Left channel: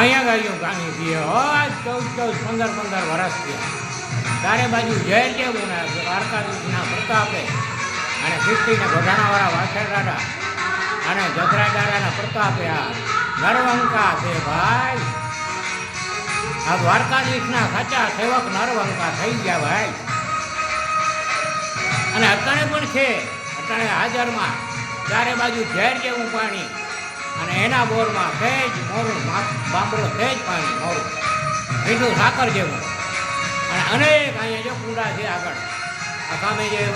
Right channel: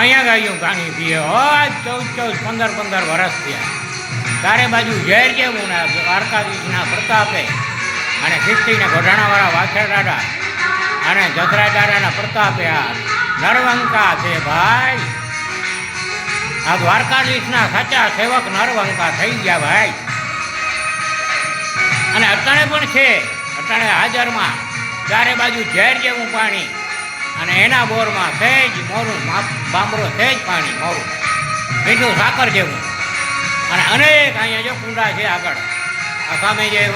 અહીંયા ગાયું પાણી પીએ હોય ચૌદ ચૌદ, પંદર પંદર વરસ થયા. ચારે બાજુ ઝેર જેવું ને દ્વારકાધીશના પ્રતાપે અને ખિસ્તીને ગોઢાણાવાળા વાછર દાદા અને જસરા દાદાના પ્રતાપે આ નરવંકા છે ભાઈ. આ દ્વારકાધીશના સાચા સેવક નરવંકા થઈ ગયા ભાઈ. અને અટાણે પણ છે. અટાણે હાજરમાં ચારે બાજુ ઝેર જેવું પાણી. અને એના બોરમાં સહેજ મોરું બામરો સહેજ પાણી મોરું. મીઠું સાકર જેવું. અને અનેક અહીંયા જો કુંડા છે આગળ. આ સામે જે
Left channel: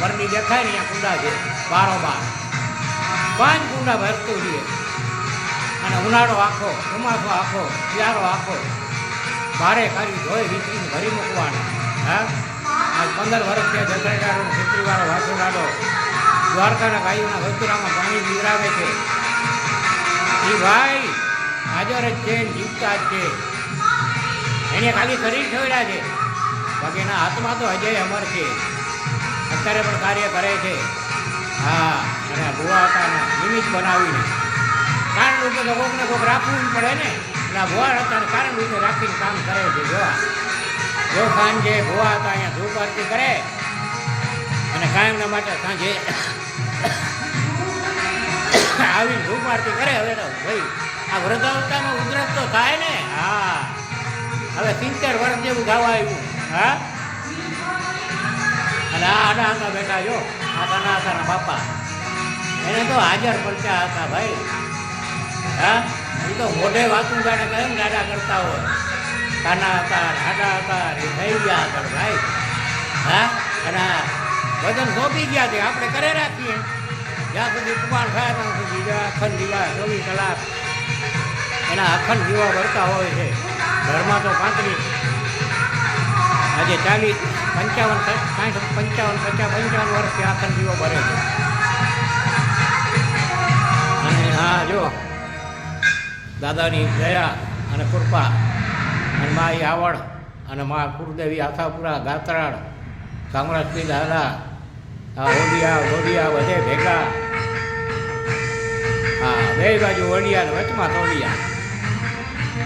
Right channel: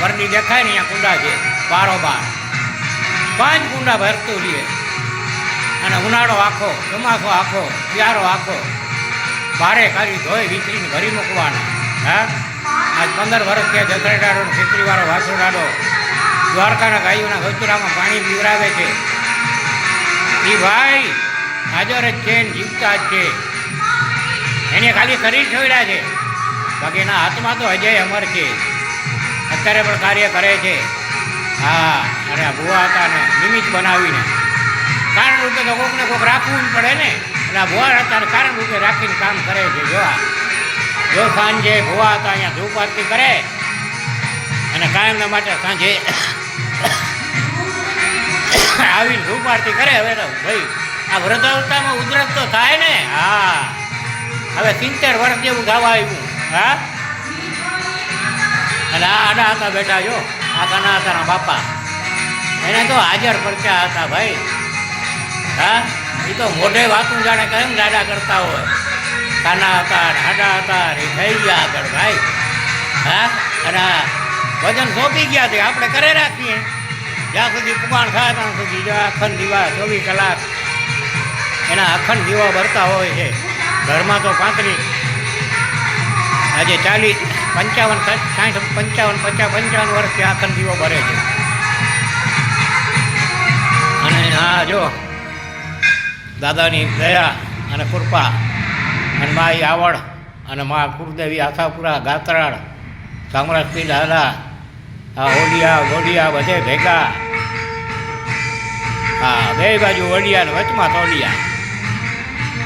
વરડી દેખાય ને અહીંયા કુંડા છે બારોબાર પાંચ કુંડા ભરતું રહીએ અને ઉનાળો આખો, ચોમાસો આખો, શિયાળો આખો. ભારે કરી ધોઈ વિતરીને ભરી મૂકવાના. હા? આજ પંદર વર્ષ ત્યાં જસરેડાડો ખેતરીવાળો વાસુડાડો દ્વારકાના ગાયોના ગૌચરામાં પાણી પીવરાવે છે. એ ભાઈ, હાજર જ છે જીવતા જ છે. એને ખાલી શરીર છોડ્યા છે. બાકી એના હાથમાં તો અજય અમર છે. અત્યારે પણ કાર્ય કરે છે. હા અને આ ભુવા હતા ને, નિમિત્ત બનાવીને. કારણ રૂપે તો કોકને કોક રાખવું જ પડે ને. એટલે આ ભુવા હતા કારણ રૂપે રાખીને કામ કરે છે જોવા જો સાંજે ભુવા હતા અહીંયા ધૂપ આરતી કરે. અને કાયમના માટે સાંજે આવીને ધૂપ આરતી કરે, હવે તો ભાઈ, આ વૃદ્ધાવસ્થામાં ઉધરસ તો થાય ને? હા. હવે સિત્તેર વર્ષ જેવું ગાવા આવ્યું. હા? અને આ આડા હતા બેઠા જો આ કાના હતાના બાપા. એને તો હાજર પરચા હતા ભાઈ. હા? એ તો મોઢે વાતું જાણે કેમ દાડા કરતા હોય? કાના હતા હાડા હતા એ થઈ ગયા આગળ ભાઈ. હા? અને વજન સોંપી ગયા છે, આપણે કરે રાખીએ. જ્યાં સુધી પુગાણ થાય ત્યાં સુધી જો અખંડ દીવા ચોવીસ કલાક એના અખંડ દીવા ભરતા હોય છે. ઘરમાં તો પાંત્રીસ. આજે ચાલીસ, પંચાવન, સાઠ પંચાવન, પચાસ, પંચાવન વર્ષથી અખંડ દીવો ભરે છે. અને હા જો દાદાની દયા અને કૃપા અને માઈ આવડ અને મા કુરદેવી આશાપુરા ગાતરાળ સામરાજપી દાદા આ ઓડિયા ગોડિયા બધે ભેગા. હા, બે બાજુ ઓડિયા ને વચમાં તોલિયા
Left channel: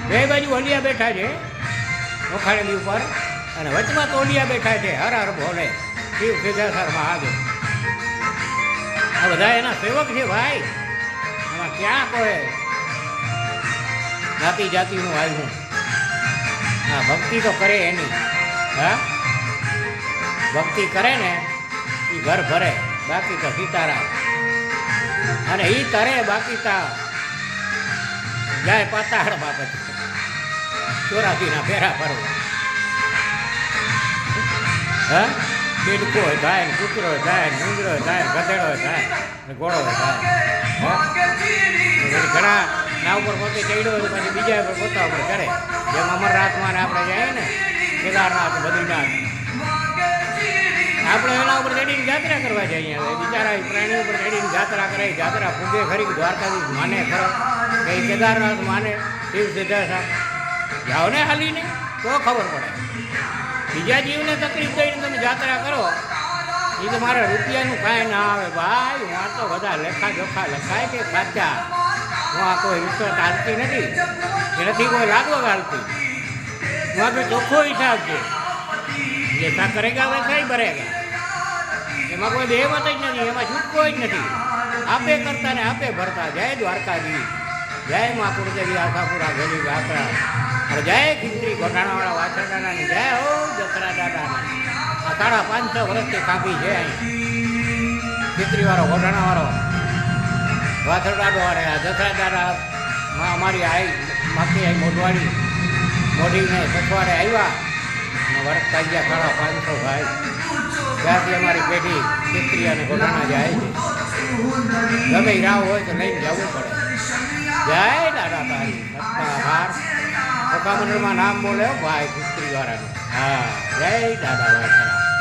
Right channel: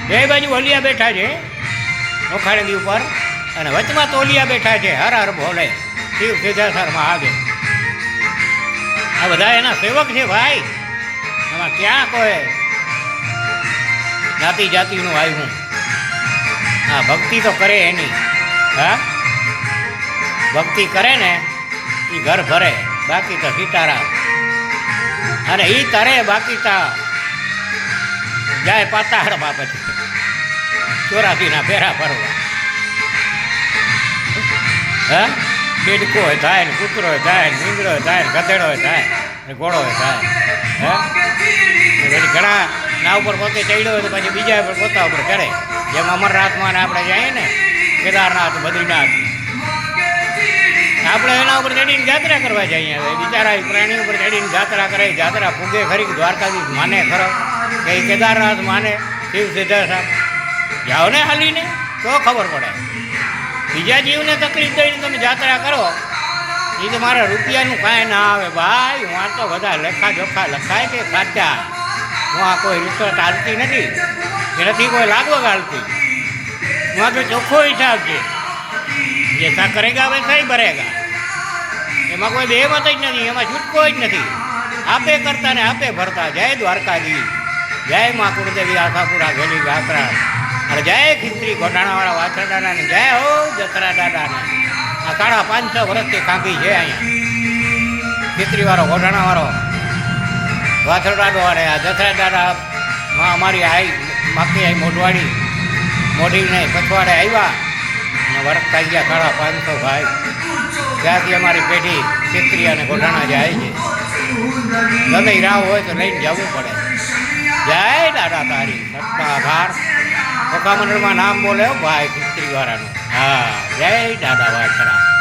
બે બાજુ ઓલિયા બેઠા છે નોખાણી ઉપર, અને વચમાં તોલિયા બેઠા છે, હર હર ભોલે શિવ સિદ્ધેશ્વર આવે. આ બધા એના સેવક છે ભાઈ. એમાં ક્યાં કોઈ જાતિ જાતિનું આવ્યું? હા, ભક્તિ તો કરે એની. હા? ભક્તિ કરે ને એ ઘર ભરે, બાકી તો સીતારામ અને એ તરે, બાકી તો જાય પાતાળમાં પછી ચોરાસીના ફેરા ફરવા. હા? હોય થાય ને કૂતરો થાય ને મીંગડો થાય ને ગધેડો થાય ને ઘોડો થાય. પછી ઘણા ના ઉપર પોતે ચડ્યો હોય તો પછી બીજા ઉપર પોતા ઉપર ચડે. જેમ અમરનાથમાં આપણે જઈએ ને, કેદારનાથ, બદ્રીનાથ આપણે એના ઉપર ચડીને જાત્રા કરવા જઈએ હવે બિચારા પ્રાણી ઉપર ચડીને જાત્રા કરે. જાત્રા ફૂગે ખરી દ્વારકાધીશ માને ખરો? કે કેદારનાથ માને? શિવ સિદ્ધેશ્વર જાઓ ને હાલીને, તો ખબર પડે. બીજા જીવને તકલીફ દઈને તમે જાત્રા કરો એ તો મારા રૂપિયાનું કાંઈ ના આવે. ભાઈ, હું આ તો બધા લેખા જોખા લખાય કે સાચા હું આ કોઈ રિશ્વત હાલતી નથી. કે નથી કોઈ લાગવગ હાલતી હું આ તો ચોખ્ખો હિસાબ છે. જે સા કરેગા વૈસા ભરેગા? એમાં કોઈ બેમત જ નથી, એમાં છૂટકો જ નથી. આપે કરતા ને આપે ભરતા. જય દ્વારકાજી જય મા કુળદેવી આશાપુરા ભેલી વ્યાકરા અને જય ખીસ્ત્રી ગોઢાણાવાળા વાછરડાના ને, જય હો જસરા દાદાને આ સાડા પાંચસો વર્ષથી કાંપી છે અહીંયા. ખીસ્ત્રીવાળો ગોઢાણાવાળો વાછરડાડો અને આ જસરા દાદા માં અમારી આઈ, માખી આઈ મોઢવાડી. મોઢીને પછવાડે આવ્યા. અને થઈ ગયા સાડા પાંચસો ભાઈ. ત્યાંથી અમારી પેઢી ખીસ્ત્રી અને ગોઢાણા જાય છે. ગમે રાવ હોય તો લઈને જવું પડે. જય દાદા તારી, સત્તા આભાર ઓકા નામ બોલે ભાઈ ખીસ્ત્રી વાળાનું. હા, જય દાદા વાછરા.